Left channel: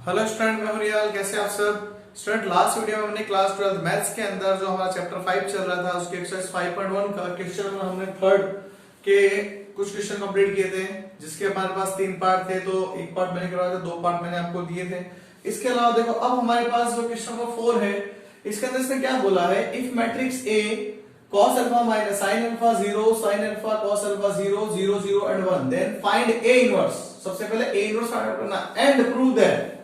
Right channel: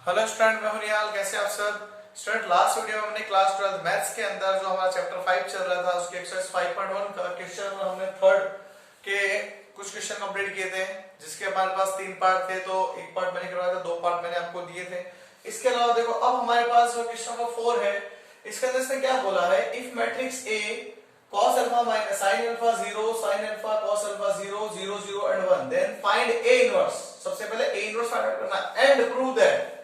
Hello student, मैं हूं रियाल। कैसे आप सब स्टूडेंट? लास्ट वीडियो में हमने क्लास 12 मैथ्स के अंदर जो हमारा चैप्टर 5 चल रहा था उसके एक्सरसाइज 5.1 का क्वेश्चन हमने थर्ड के कुछ क्वेश्चन कंप्लीट किए थे, जिसके हमारे पास 3 पार्ट थे। तो एक पार्ट मैंने करवाया था, 2 पार्ट मैंने आपको दिए थे। इसके अलावा देखो अब हमारे पास जो क्वेश्चन नंबर 4 है, इसके अंदर इसने क्या बोला है, if matrix A cos alpha minus sin alpha 0 sin alpha cos alpha 0 0 0 and 1 then find a inverse. सबसे पहले a इनवर्स फाइंड आउट करना and prove that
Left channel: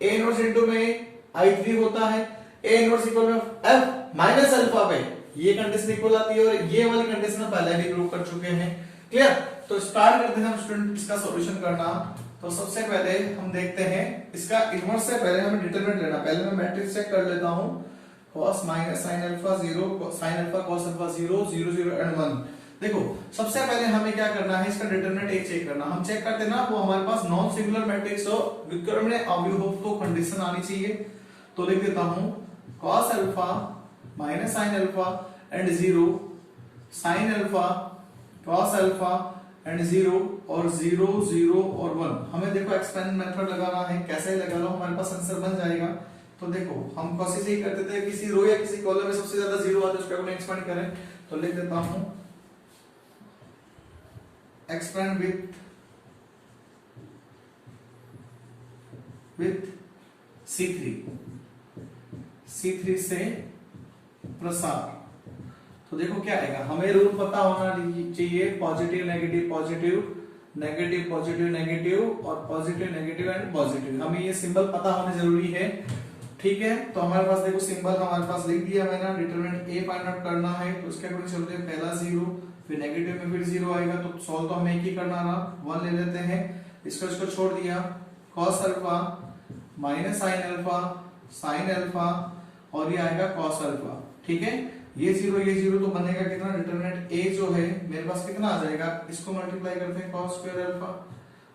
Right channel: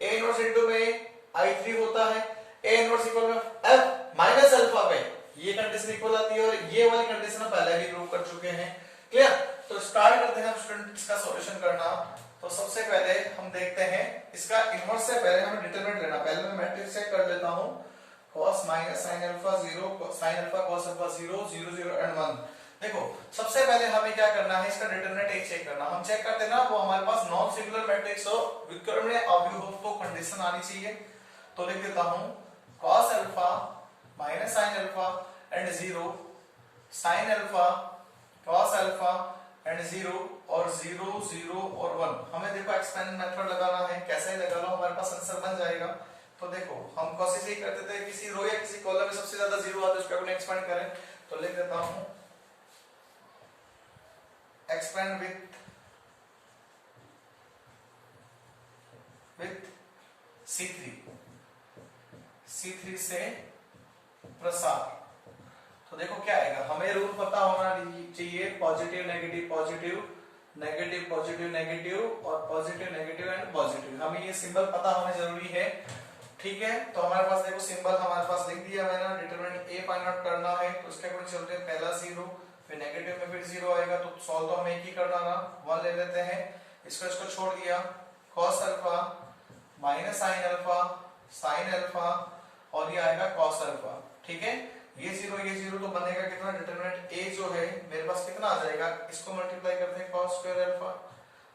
a inverse into में I3 होता है, a इनवर्स इक्वल में f माइनस alpha पे ये कंडीशन इक्वल आती है, और ये वाली कंडीशन हम पहले भी प्रूव कर चुके हैं। क्लियर? तो स्टार्ट करते हैं हम स्टूडेंट इसका सॉल्यूशन करना। तो सबसे पहले हम देखते हैं इसका इनवर्स से पहले हमें डिटरमिनेंट लेना। पहले मैं मैट्रिक्स चेक कर लेता हूं। cos minus sin alpha 0 sin alpha cos alpha 0 0 0 and 1। देखो सबसे पहले हमें क्या करना है, इसका डिटरमिनेंट एक चेक करना। हम चेक करते हैं ना, वो हमारे पास नॉन सिंगुलर मैट्रिक्स हो, विकर्ण अवयव तो कंडीशन आनी चाहिए। तो लिख देता हूं cos alpha minus sin alpha and 0 sin alpha cos alpha and 0 और 0 0 और 1। हमें देखो एक्सपेंड मेथड लगाना है, कैसे लगा लो हमारे पास आंसर बन जाएगा। तो देखो हम कोशिश ही करते थे किसी रो या किसी कॉलम में सबसे ज्यादा 0 आता है उसको अपने एक्सपेंड करें। तो लिख देता हूं एक्सपेंड विथ C3 से प्रसार। तो देखो क्या आएगा, हमें रूल पता होना चाहिए, positive negative positive negative positive negative और पॉजिटिव नेगेटिव एंड पॉजिटिव। हमें ये सिंबल पता होना जरूरी है। ठीक है, तो हमारे पास देखो सिंबल हमारे पास लिख दिया मैंने। डिटरमिनेंट ए फाइंड आउट करना है, तो इसके अकॉर्डिंग चलते हैं। पहला 0, फिर नेगेटिव में फिर 0 आएगा, तो सॉल्व तो हमें एक ही करना ना, 1 ले लेते हैं। इसको छोड़ दिया, cos alpha minus sin alpha sin alpha और ये आएगा cos अल्फा। ठीक है, ये 0 तो बनेगा कितना, डिटरमिनेंट a जो है मेरे पास कितना आ जाएगा, इसको मल्टीप्लाई करते हैं cos स्क्वायर अल्फा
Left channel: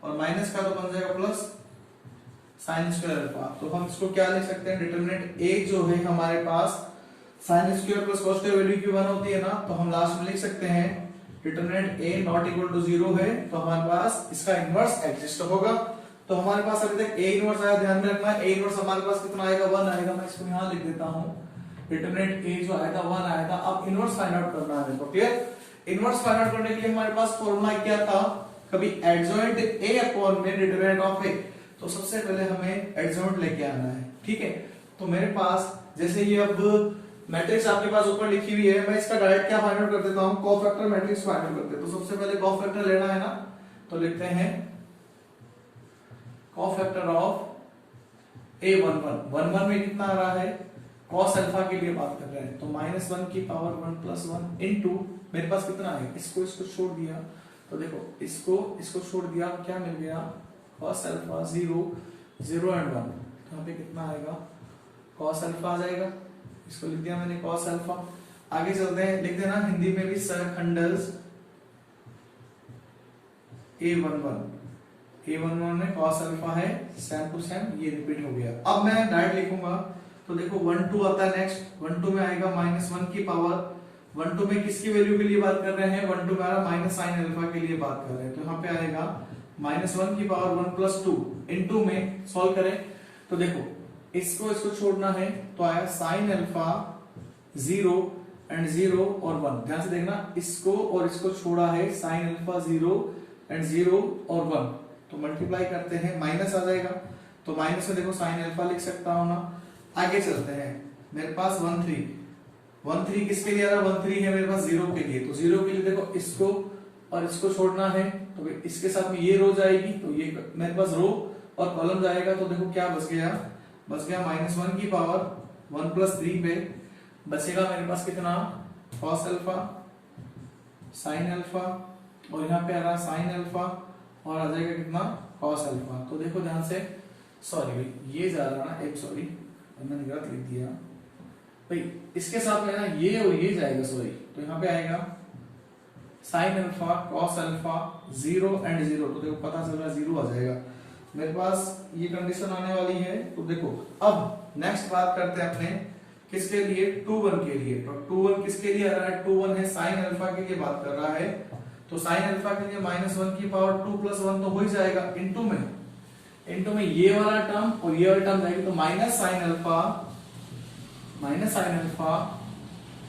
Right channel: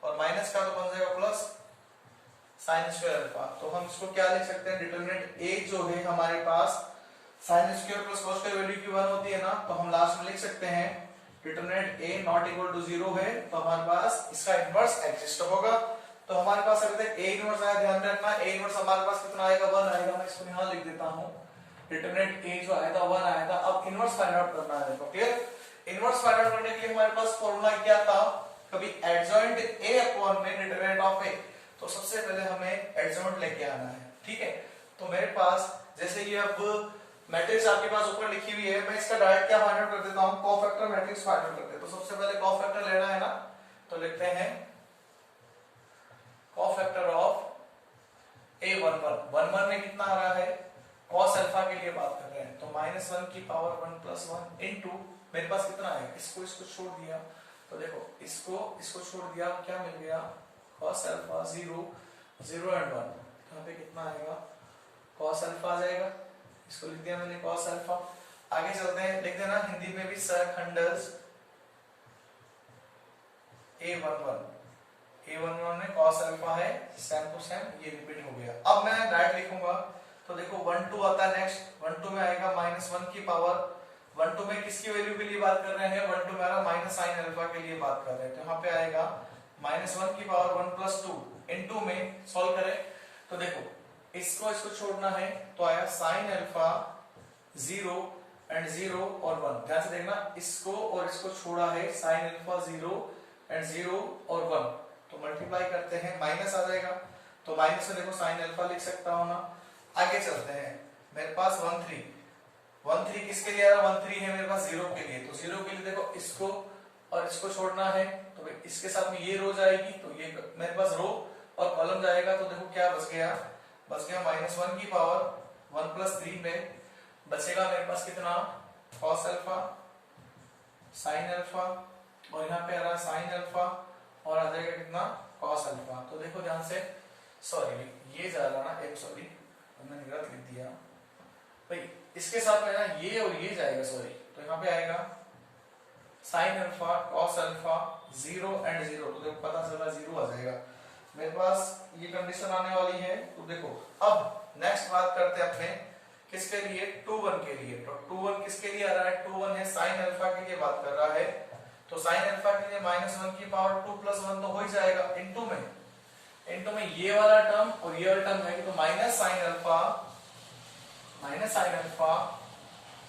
और माइनस का तो बन जाएगा प्लस sin स्क्वायर अल्फा। तो हम इसको क्या लिख सकते हैं, डिटरमिनेंट a जो है हमारे पास sin square plus cos square value की 1 होती है ना, तो हम लास्ट में लिख सकते हैं determinant a not equal to 0 है, तो हमारे पास इसका इनवर्स एग्जिस्ट होगा। तो हमारे पास अभी तक a इनवर्स आया, ध्यान रखना a इनवर्स हमारे पास कितना आएगा, 1 आएगा। मैं इसको यहां लिख देता हूं, डिटरमिनेंट a जो आया था 1 आया था। अब इनवर्स फाइंड आउट करना है। देखो क्लियर, इनवर्स फाइंड आउट करने के लिए हमारे पास फॉर्मूला क्या था, कभी एडजॉइंट a अपॉन में डिटरमिनेंट ऑफ a। तो सबसे पहले हमें एडजॉइंट लेके आना है। ठीक है, तो मेरे पास जैसे ये अब मैट्रिक्स आपके पास ऊपर लिखी हुई है, मैं इसका डायरेक्ट क्या फाइंड आउट कर देता हूं, कोफैक्टर मैट्रिक्स फाइंड आउट करते हैं। तो सबसे पहले कोफैक्टर लेना है ना, तो लिखते हैं कोफैक्टर ऑफ a11 में कितना आ रहा है, cos अल्फा के लिए बात कर रहे हैं, तो -1 की पावर 1 + 1 इनटू मेरे पास कितना है, इसको छोड़ दिया। तो देखो इसको छोड़ दिया, क्या मिल गया, cos अल्फा 0 0 एंड 1। तो यहाँ पे कितना आएगा, cos अल्फा आ जाएगा। इसको लिख दिया मैंने cos अल्फा। आगे चलते हैं, लिख देना हिंदी में भी सरखंडस a11 में cos अल्फा है, सेम टू सेम ये रिपीट हो गया। अब मैं डायरेक्ट लिखूंगा, तो देखो 1 2 आता है नेक्स्ट, 1 2 में आएगा -1 की पावर, 1 2 में किसकी वैल्यू के लिए बात कर रहे हैं, 1 2 में आ रहा माइनस sin अल्फा के लिए बात कर रहे हैं। तो यहाँ पे आएगा -1 की पावर 1 + 2 इनटू में सॉल्व करें। तो देखो इसको छोड़ना है, तो आया sin अल्फा 0 एंड 0 और 1। ध्यान से देखना, इसको और इसको छोड़ा है, sin अल्फा 0 एंड 0 और 1, तो मल्टीप्लाई करते हैं, माइनस आ जाएगा। तो माइनस में देखो sin अल्फा लिख सकता हूं ना। आगे चलते हैं, मेरे पास 1 3 किसके लिए आ रहा है, 1 3 है मेरे पास 0 के लिए। तो 0 के लिए देखो इसको और इसको छोड़ना है, तो इसके साथ में ये रो जाएगी, तो ये मेरे पास रो और कॉलम जाएगा। तो देखो क्या बच गया -1 की पावर 1 + 3 पे बचेगा मेरे पास कितना, cos अल्फा sin अल्फा और यहाँ पे आ रहा sin अल्फा और आ जाएगा कितना, cos अल्फा। तो देखो ध्यान से, सॉरी ये जा रहा ना, एक सॉरी मैंने गलत लिख दिया भाई, इसके साथ में ना ये और ये जाएगा, सॉरी। तो यहाँ पे आएगा sin alpha cos alpha 0 and 0। तो देखो पता चल रहा 0 आ जाएगा मेरे पास, ये कंडीशन आने वाली है। तो देखो अब नेक्स्ट बात करते हैं अपने किसके लिए, 2 1 के लिए। तो 2 1 किसके लिए आ रहा है, 2 1 है sin अल्फा के लिए बात कर रहा है। तो sin अल्फा के लिए -1 की पावर 2 + 1 तो हो ही जाएगा, इनटू में इनटू में ये वाला टर्म और ये वाला टर्म जाएगी, तो minus sine alpha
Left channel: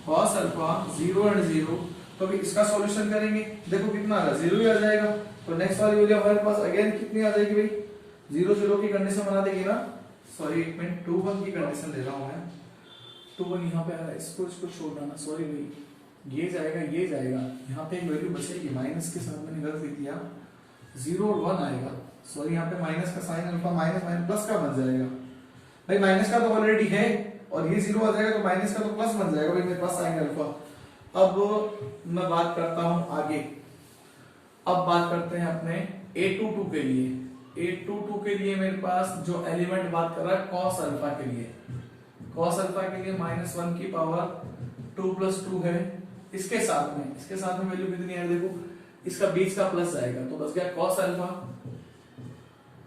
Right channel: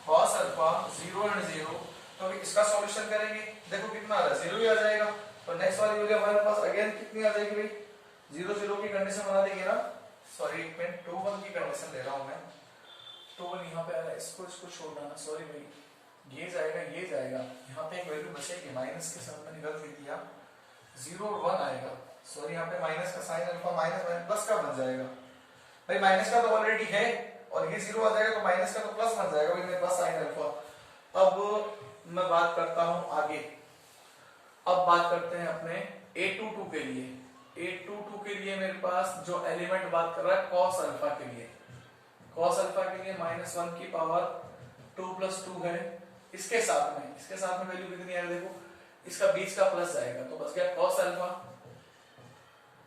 cos alpha 0 and 0। तो भी इसका सॉल्यूशन करेंगे, देखो कितना आ रहा है, 0 ही आ जाएगा। तो नेक्स्ट वाली वैल्यू हमारे पास अगेन कितनी आ जाएगी भाई, 0 0 की कंडीशन बना देंगे ना, सॉरी एक मिनट 2 1 की कंडीशन ले रहा हूं मैं, 2 1 यहाँ पे आ रहा है, इसको छोड़ना ना, सॉरी भाई, ये जाएगा यहाँ पे एक वैल्यू बचेगी, माइनस के साथ मैंने गलती किया, 0 और 1 आएगा, सॉरी यहाँ पे माइनस का साइन अल्फा माइनस प्लस का बन जाएगा भाई, माइनस का तो ऑलरेडी है और ये 0 आ जाएगा तो माइनस का तो प्लस बन जाएगा भाई मेरे पास साइन अल्फा। अब मैं बात करता हूं आगे, अब बात करते हैं अपने a22 के लिए। a22 के लिए मेरे पास जो एलिमेंट बात कर रहा है cos अल्फा के लिए, cos अल्फा के लिए -1 की पावर 2 + 2 है, इसके साथ में वैल्यू कितनी है देखो, इसका बीच का प्लस जाएगा तो बच गया cos अल्फा,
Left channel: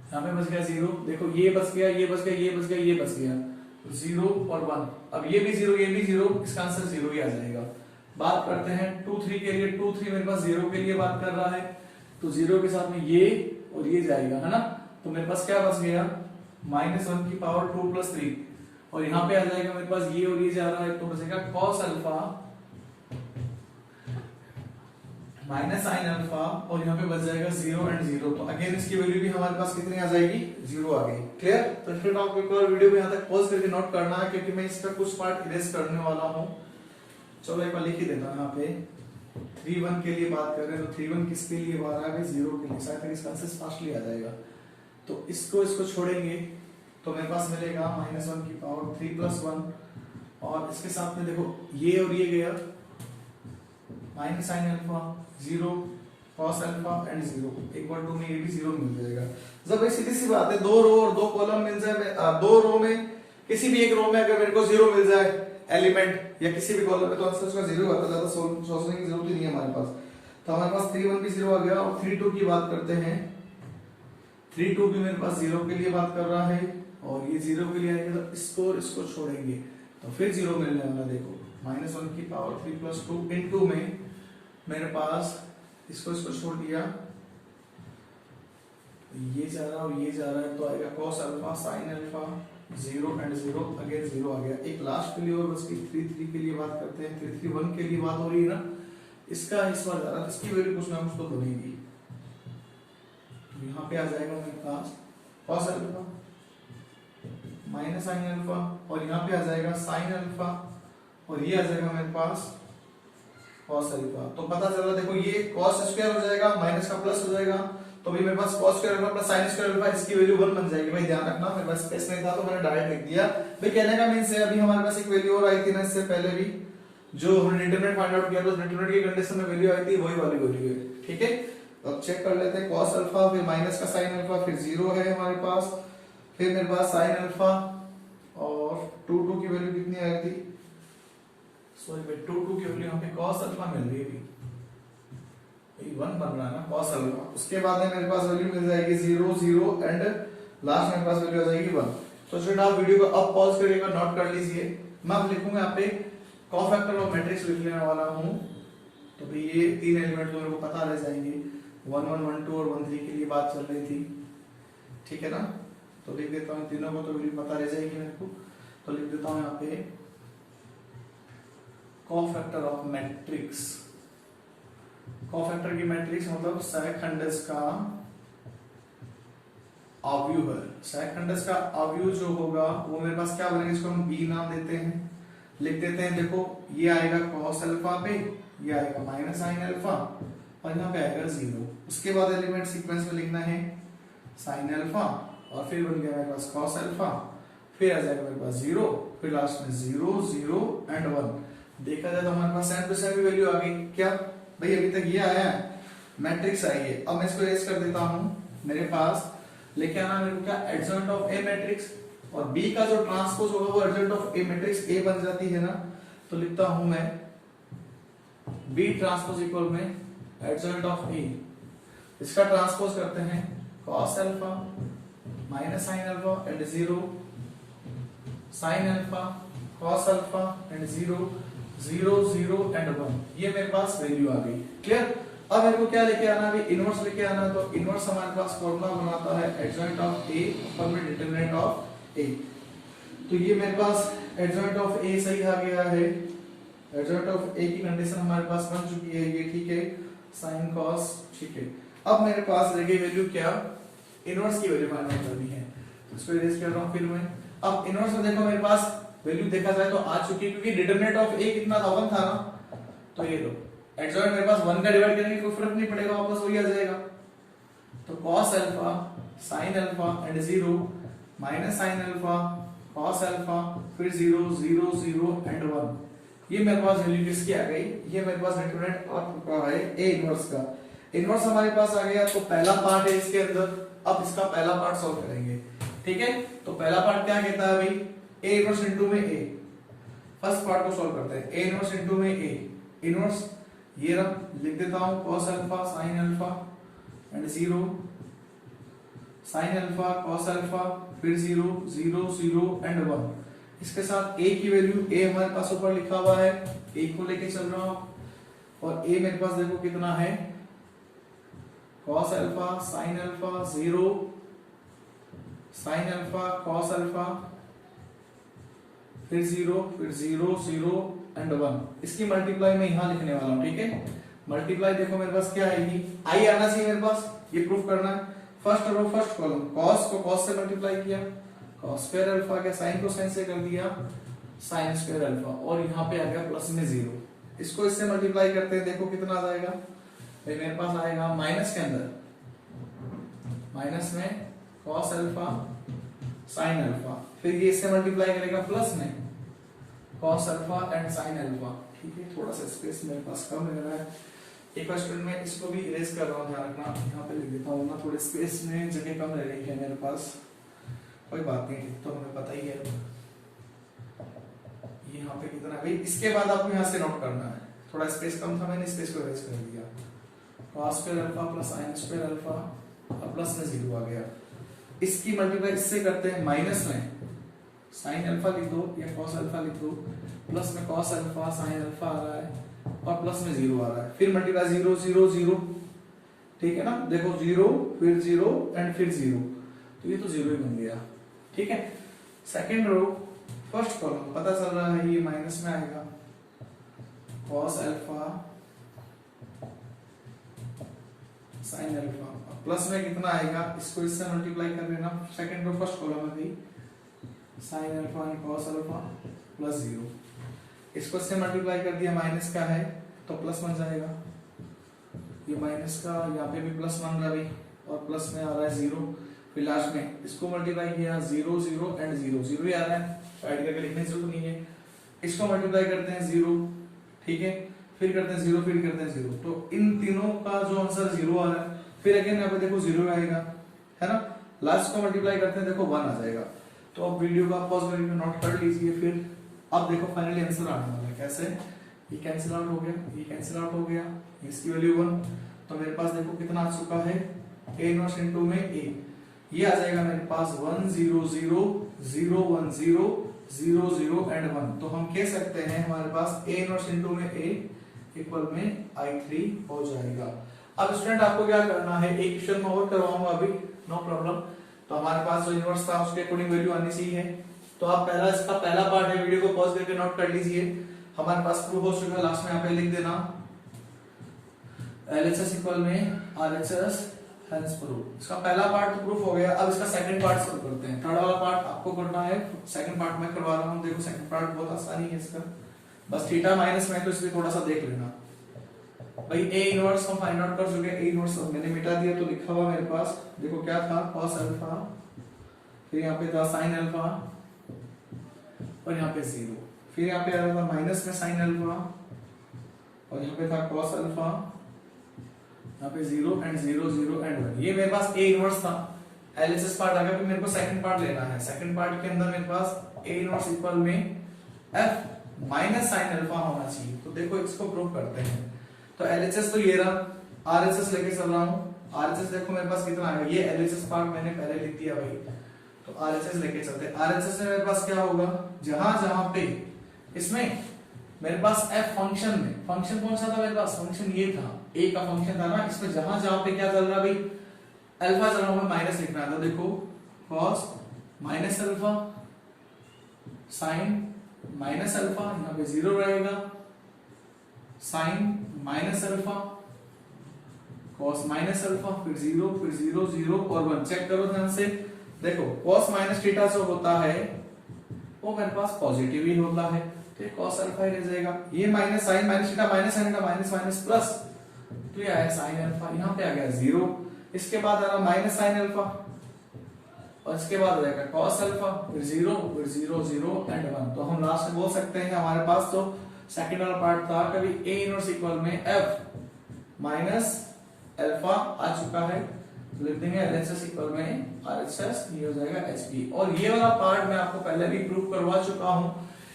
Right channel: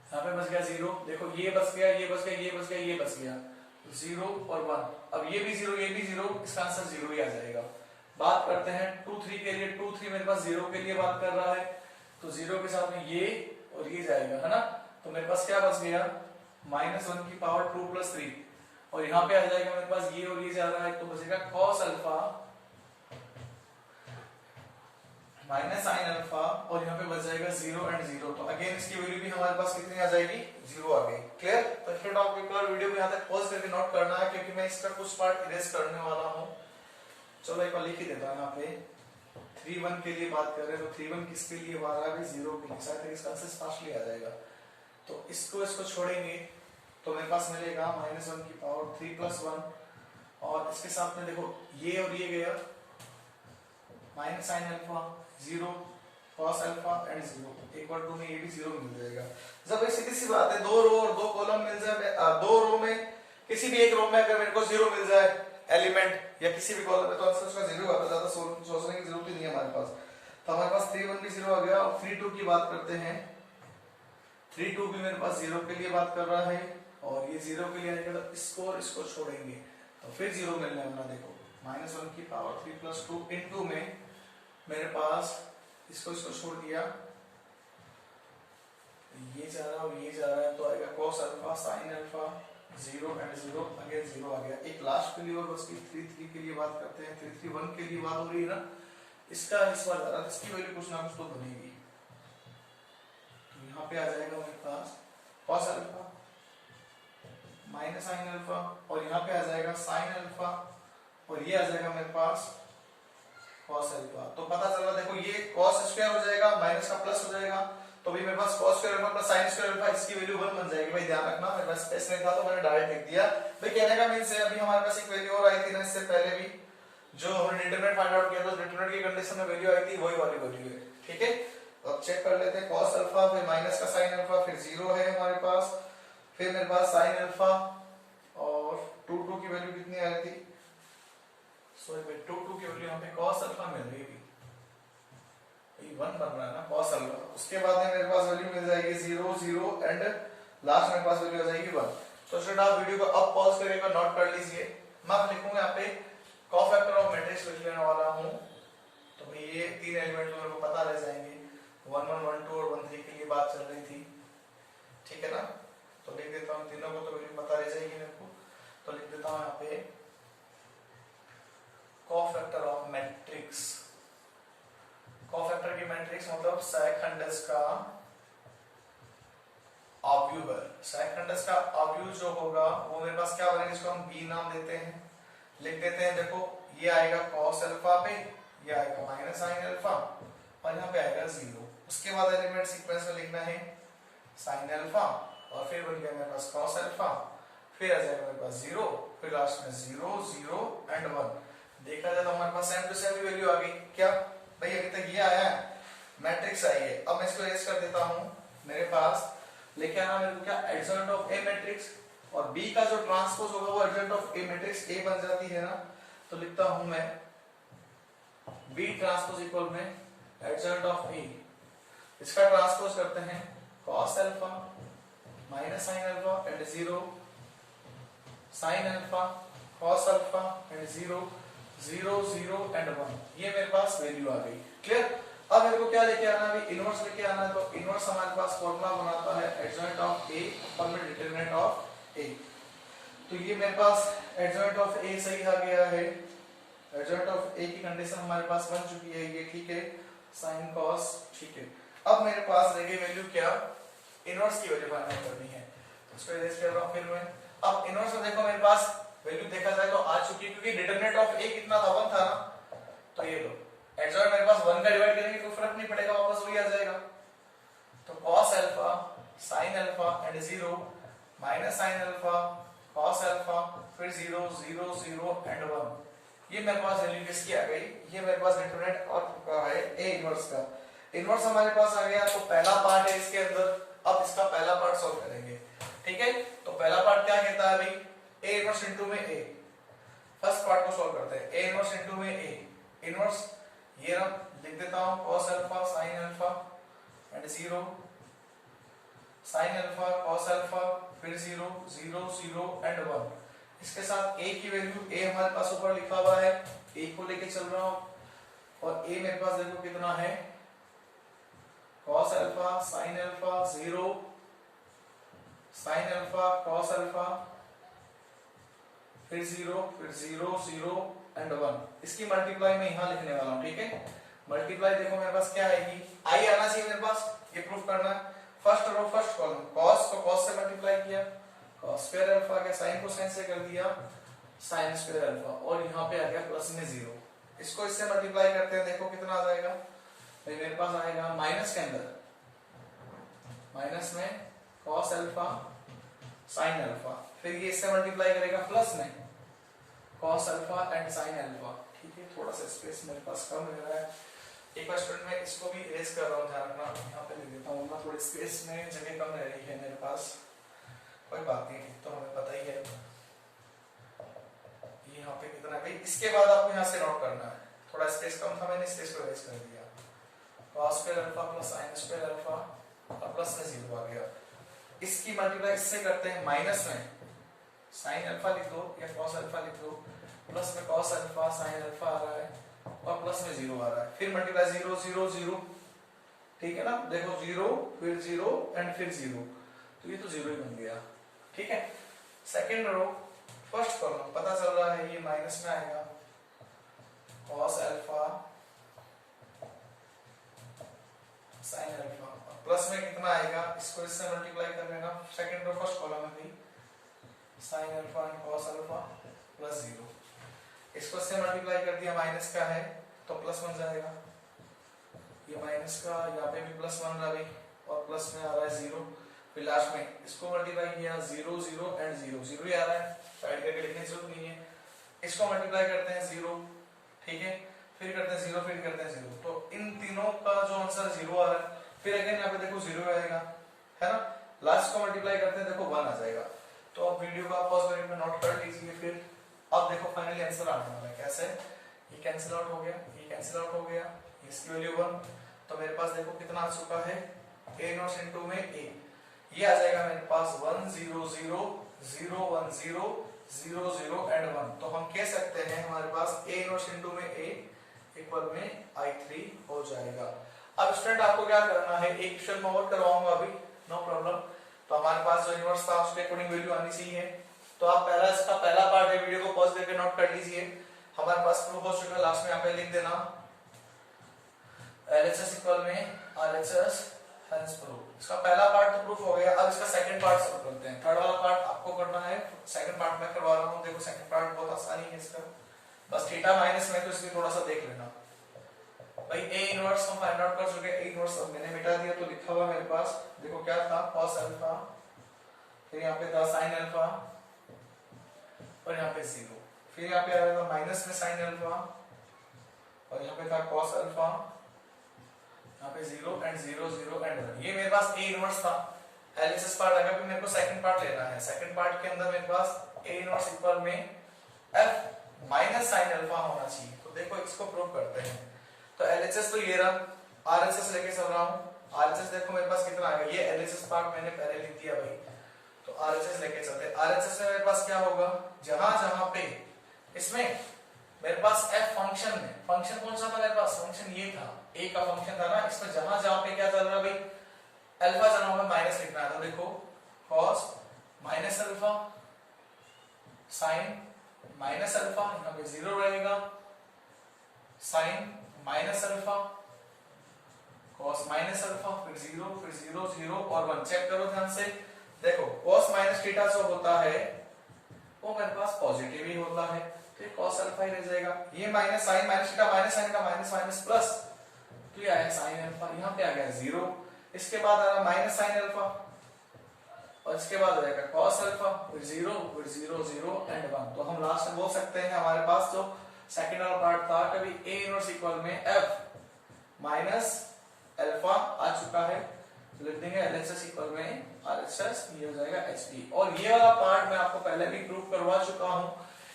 यहाँ पे बच गया 0, देखो ये बच गया, ये बच गया, ये बच गया, ये बच गया, 0 और 1, अब ये भी 0 ये भी 0, इसका आंसर 0 ही आ जाएगा। बात करते हैं 2 3 के लिए, 2 3 मेरे पास 0 के लिए बात कर रहा है, तो 0 के साथ में ये और ये जाएगा है ना, तो मेरे पास क्या बच गया, -1 की पावर 2 + 3, और यहाँ पे आ जाएगा मेरे पास ये और ये जा रहा है, तो बचेगा cos alpha minus sine alpha, और यहाँ पे बच जाएगा 0 एंड 0, तो अगेन इसकी वैल्यू भी हमारे पास कितनी आ जाएगी, 0 आ गई। क्लियर? तो फिर आप एक और वीडियो को यहाँ तक पॉज करके नोट करना है, क्योंकि मैं इसका कुछ पार्ट इरेज करने वाला हूँ। चलो एक बार लिख ही देता हूँ, यहाँ पे 3 1 के लिए बात कर रहे हैं, तो 3 1 किसके लिए आ रहा है भाई, 0 के लिए, शायद इसका आंसर फास्टली आ जाएगा। तो इसको छोड़ेंगे तो मेरे पास मिलेगा -1 की पावर 3 + 1, और इसके साथ में देखो ये और ये गया, minus sine alpha 0 cos alpha and 0, एक बार 2 में ये भी 0 मिल जाएगा। जब ये सीधी सी बात है, 2 रो और 2 कॉलम मिल जाए, 2 रो में किसी भी एक रो में अगर मेरे को 0 मिल जाए एलिमेंट या किसी भी कॉलम में, तो आंसर उसका 0 आता है, ज्यादा सोचने की जरूरत ही नहीं है हमारे पास। तो हमारे पास 3 1 भी 0 आ गया, और 3 2 की बात करते हैं, 3 2 भी मेरे पास 0 के लिए बात कर रहा है, और ये 0 के लिए आएगा, तो इसको छोड़ेंगे तो फिर 0 मिलने वाला, देखो -1 की पावर 3 + 2 इनटू में मेरे पास इसको छोड़ दिया, ये जा रहा है और ये जा रहा है, तो आएगा cos alpha sin alpha 0 and 0, again 0 आ गया। एक लास्ट के लिए और बस 3 3 के लिए बात करते हैं, 3 3 1 के लिए बात हो रही है ना, इसका इस बार जा रहा है, इसकी वैल्यू कुछ ना कुछ तो बनेगी, तो यहाँ पे आ जाएगा मेरे पास cos alpha minus sine alpha, और यहाँ पे आ जाएगा sin अल्फा, और ये आ जाएगा मेरे पास cos अल्फा। तो पता चला, देखो ये cos स्क्वायर हो जाएगा, माइनस का प्लस हो जाएगा, तो भी मेरे पास cos square alpha plus sin square alpha, इसकी वैल्यू 1 बन जाएगी। भाई ध्यान रखना, मेरे पास स्पेस नहीं था तो मैंने डायरेक्ट लिख दिया। भाई कहने का मींस है, अभी हमारे पास एक वैल्यू और आई थी ना इससे पहले भी, जो हमने डिटरमिनेंट फाइंड आउट किया था, डिटरमिनेंट की कंडीशन में वैल्यू आई थी, वही वाली वैल्यू है। ठीक है, अब चेक कर लेते हैं, cos अल्फा फिर माइनस का sin अल्फा, फिर 0 है हमारे पास, फिर मेरे पास sin अल्फा, और 2 2 की वैल्यू कितनी आई थी, सॉरी भाई 2 2 की वैल्यू यहाँ पे cos अल्फा मिल रही है, 1 बन रहा है ना cos अल्फा। उसके बाद में मेरे पास वैल्यू मिल जाएगी 0 0 एंड लास्ट मेरे पास वैल्यू आ जाएगी 1। तो स्टूडेंट आप वीडियो को अब पॉज करके नोट कर लीजिए, मैं अब लिखूंगा यहाँ पे कोफैक्टर ऑफ मैट्रिक्स लिख लेने वाला हूँ। तो भाई ये 3 एलिमेंट तो मेरे को पता रह जाएंगे, 1 1 1 2 और 1 3 के लिए बात चल रही थी, ठीक है ना। तो लिख देता हूँ, तीनों को तो वैल्यू पता रह जाएगी मेरे को, तो लिख देता हूँ यहाँ पे कोफैक्टर ऑफ मैट्रिक्स। कोफैक्टर की मैट्रिक्स मतलब सहखंडस का अवयव है, सहखंडस का अवयव जो होगा वो मेरे पास क्या बनेगा, इसको हम बी नाम देते हैं, लिख देते हैं। देखो ये आएगा cos अल्फा पे, ये आएगा माइनस sin अल्फा, और यहाँ पे आएगा 0। उसके बाद एलिमेंट सीक्वेंस में लिखना है sin अल्फा, और फिर बन गया मेरे पास cos अल्फा, फिर आ जाएगा मेरे पास 0, फिर लास्ट में 0 0 एंड 1। देखा जाए तो हमारे पास सेम टू सेम वैल्यू आ गई। क्या भाई, अभी तक ये आया है, मैट्रिक्स आई है। अब मैं इसको इरेज कर देता हूं, मेरे पास लेके आना मेरे को क्या, एडजॉइंट ऑफ ए मैट्रिक्स, और बी का जो ट्रांसपोज होगा वो adjoint of A matrix A बन जाती है ना। तो लिखता हूं मैं बी ट्रांसपोज इक्वल में एडजॉइंट ऑफ ए, इसका ट्रांसपोज करते हैं cos alpha minus sin alpha and 0 sin alpha cos alpha and 0 0 0 and 1, ये मेरे पास वैल्यू आ गई। क्लियर? अब मेरे को क्या लेके आना है, इनवर्स लेके आना है। तो इनवर्स हमारे पास फॉर्मूला बनाता है एडजॉइंट ऑफ ए ऊपर में डिटरमिनेंट ऑफ ए। तो ये मेरे पास एडजॉइंट ऑफ ए सही आ गया है, एडजॉइंट ऑफ ए की कंडीशन हमारे पास बन चुकी है, ये ठीक है, साइन कॉस ठीक है। अब मेरे पास रह गई वैल्यू क्या, इनवर्स की वैल्यू फाइंड करनी है। तो इसको इरेज कर रहा हूं फिर मैं। अब इनवर्स में देखो मेरे पास वैल्यू देखा जाए तो आ चुकी है, क्योंकि डिटरमिनेंट ऑफ ए कितना था, 1 था ना। तो ये लो एडजॉइंट मेरे पास 1 का डिवाइड करेंगे कोई फर्क नहीं पड़ेगा, वापस वही आ जाएगा। तो cos alpha sin alpha and 0 minus sin alpha cos alpha फिर 0 0 0 एंड 1। ये मेरे पास वैल्यू किसकी आ गई, ये मेरे पास डिटरमिनेंट आ चुका है ए इनवर्स का। इनवर्स हमारे पास आ गया, तो पहला पार्ट है इसके अंदर। अब इसका पहला पार्ट सॉल्व करेंगे, ठीक है। तो पहला पार्ट क्या कहता है भाई, ए इनवर्स इनटू में ए। फर्स्ट पार्ट को सॉल्व करते हैं, ए इनवर्स इनटू में ए इनवर्स, ये रहा लिख देता हूं cos alpha sin alpha and 0 sin alpha cos alpha फिर 0 0 0 एंड 1। इसके साथ a की वैल्यू, a हमारे पास ऊपर लिखा हुआ है, a को लेके चल रहा हूं, और a मेरे पास देखो कितना है, cos alpha sin alpha 0 sin alpha cos alpha फिर 0 0 एंड 1। इसकी मल्टीप्लाई मैं यहां लिखने वाला हूं, ठीक है। मल्टीप्लाई देखो मेरे पास क्या आएगी, आई आना चाहिए मेरे पास, ये प्रूफ करना है। First row first column, cos को cos से मल्टीप्लाई किया, cos स्क्वायर अल्फा के sin को sin से कर दिया sin स्क्वायर अल्फा, और यहाँ पे आ गया प्लस में 0। इसको इससे मल्टीप्लाई करते हैं, देखो कितना आ जाएगा भाई, मेरे पास आएगा माइनस के अंदर, माइनस में cos अल्फा sin अल्फा, फिर ये इससे मल्टीप्लाई करेगा प्लस में cos alpha and sin alpha, ठीक है। थोड़ा सा स्पेस मेरे पास कम लग रहा है, एक बार स्टूडेंट में इसको भी इरेज कर रहा हूं, ध्यान रखना, यहाँ पे लिख देता हूँ ना, थोड़े स्पेस में जगह कम रह रही है मेरे पास, कोई बात नहीं, तो हमें पता ही है। यहाँ पे कितना भाई, इसके बाद आपको यहाँ से नोट करना है, थोड़ा स्पेस कम था, मैंने स्पेस को इरेज कर दिया, cos square alpha plus sin square alpha और प्लस में 0 आ गया। इसकी मल्टीप्लाई इससे करते हैं, माइनस में sin अल्फा लिख दो या cos अल्फा लिख दो, प्लस में cos अल्फा sin अल्फा आ रहा है और प्लस में 0 आ रहा है, फिर मल्टीप्लाई 0 0 0, ठीक है ना। देखो 0 फिर 0 एंड फिर 0, तो ये तो 0 ही बन गया, ठीक है। सेकंड रो फर्स्ट कॉलम पता चल रहा है, ये माइनस में आएगा, cos alpha sin alpha, plus में कितना आएगा, इसको इससे मल्टीप्लाई कर लेना, सेकंड रो फर्स्ट कॉलम में थी sin alpha and cos alpha plus 0, इसको इससे मल्टीप्लाई कर दिया, माइनस का है तो प्लस बन जाएगा, ये माइनस का यहाँ पे भी प्लस बन रहा है और प्लस में आ रहा है 0, फिर लास्ट में इसको मल्टीप्लाई किया 0 0 एंड 0 0 ही आ रहा है, ऐड करके लिखने की जरूरत नहीं है। इसको मल्टीप्लाई करते हैं 0, ठीक है, फिर करते हैं 0, फिर करते हैं 0, तो इन तीनों का जो आंसर 0 आ रहा है, फिर अगेन यहाँ पे देखो 0 आएगा, है ना। लास्ट को मल्टीप्लाई करते हैं, देखो 1 आ जाएगा। तो अब वीडियो को आप पॉज करके नोट कर लीजिए, फिर अब देखो फाइनली आंसर आने वाला है, कैसे, ये कैंसिल आउट हो गया, ये कैंसिल आउट हो गया, इसकी वैल्यू 1, तो मेरे पास देखो कितना आ चुका है, a इनवर्स इनटू में a, ये आ जाएगा मेरे पास 1 0 0 0 1 0 0 0 एंड 1। तो हम कह सकते हैं हमारे पास a इनवर्स इनटू में a इक्वल में I3 हो जाएगा। अब स्टूडेंट आपको क्या करना है, एक क्वेश्चन मैं और करवाऊंगा अभी, नो प्रॉब्लम। तो हमारे पास जो इनवर्स था उसके अकॉर्डिंग वैल्यू आनी चाहिए, तो आप पहला इसका पहला पार्ट है, वीडियो को पॉज करके नोट कर लीजिए। हमारे पास प्रूफ हो चुका, लास्ट में यहाँ पे लिख देना LHS इक्वल में RHS हेंस प्रूफ। इसका पहला पार्ट तो प्रूफ हो गया, अब इसका सेकंड पार्ट शुरू करते हैं। थर्ड वाला पार्ट आपको करना है, सेकंड पार्ट मैं करवा रहा हूँ। देखो सेकंड पार्ट बहुत आसानी है इसका, बस थीटा माइनस में, तो इसमें थोड़ा सा देख लेना भाई। a इनवर्स हम फाइंड आउट कर चुके, a इनवर्स मैंने मिटा दिया, तो लिखा हुआ मेरे पास देखो क्या था, cos अल्फा, फिर यहाँ पे था sin अल्फा और यहाँ पे 0, फिर यहाँ पे आ रहा था माइनस में sin अल्फा और यहाँ पे था cos अल्फा, यहाँ पे 0 एंड 0 0 एंड 1। ये मेरे पास a इनवर्स था, LHS पार्ट आ गया, फिर मेरे को सेकंड पार्ट लेना है। सेकंड पार्ट के अंदर मेरे पास a इनवर्स इक्वल में f माइनस sin अल्फा होना चाहिए। तो देखो इसको प्रूव करते हैं। तो LHS तो ये रहा, RHS लेके चल रहा हूँ। RHS देखो मेरे पास कितना आएगा, ये LHS पार्ट मैंने पहले लिख दिया भाई, तो RHS लेके चलते हैं। RHS में मेरे पास क्या होगा, जहां जहां पे इसमें मेरे पास एफ फंक्शन में, फंक्शन कौन सा था मेरे पास, फंक्शन ये था, ए का फंक्शन था ना, इसमें जहां जहां पे क्या चल रहा है भाई, अल्फा चल रहा है, माइनस लिखना है। तो देखो cos minus alpha, sine minus alpha, यहाँ पे जीरो रहेगा, sine minus alpha, cos minus alpha, फिर जीरो, फिर जीरो, जीरो और वन। चेक करो ध्यान से, देखो कॉस माइनस थीटा जो होता है वो मेरे पास पॉजिटिव ही होता है, तो ये कॉस अल्फा ही रह जाएगा। ये minus sine minus theta, minus sine theta, minus minus plus, तो ये आया साइन अल्फा, यहाँ पे आ गया जीरो, इसके बाद आ रहा माइनस साइन अल्फा, और इसके बाद आ जाएगा कॉस अल्फा, फिर जीरो, फिर जीरो, जीरो एंड वन। तो हम लास्ट में बोल सकते हैं हमारे पास जो सेकंड वाला पार्ट था, कभी ए इनवर्स इक्वल में एफ माइनस अल्फा आ चुका है, तो लिख देंगे एलएचएस इक्वल में आरएचएस, ये हो जाएगा एचपी। और ये वाला पार्ट मैं आपको पहले भी प्रूव करवा चुका हूं,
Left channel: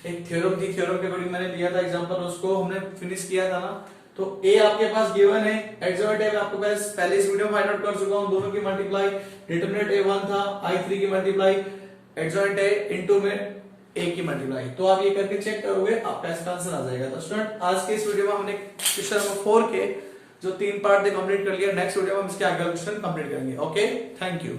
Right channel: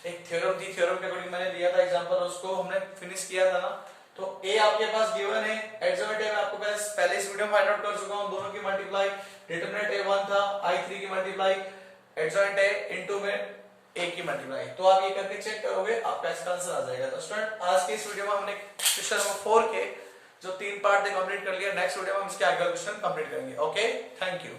एक थ्योरम की, थ्योरम के अकॉर्डिंग मैंने लिया था एग्जांपल, उसको हमने फिनिश किया था ना। तो ए आपके पास गिवन है, एक्सोमेट मैं आपको पहले इस वीडियो में फाइंड आउट कर चुका हूं, दोनों की मल्टीप्लाई, डिटरमिनेंट ए1 था, आई3 की मल्टीप्लाई, एक्सोमेट ए इनटू में ए की मल्टीप्लाई। तो आप ये करके चेक करोगे, आपका इसका आंसर आ जाएगा। तो स्टूडेंट आज के इस वीडियो में हमने क्वेश्चन नंबर 4 के जो 3 पार्ट थे कंप्लीट कर लिया। नेक्स्ट वीडियो में हम इसके आगे क्वेश्चन कंप्लीट करेंगे। Okay, thank you.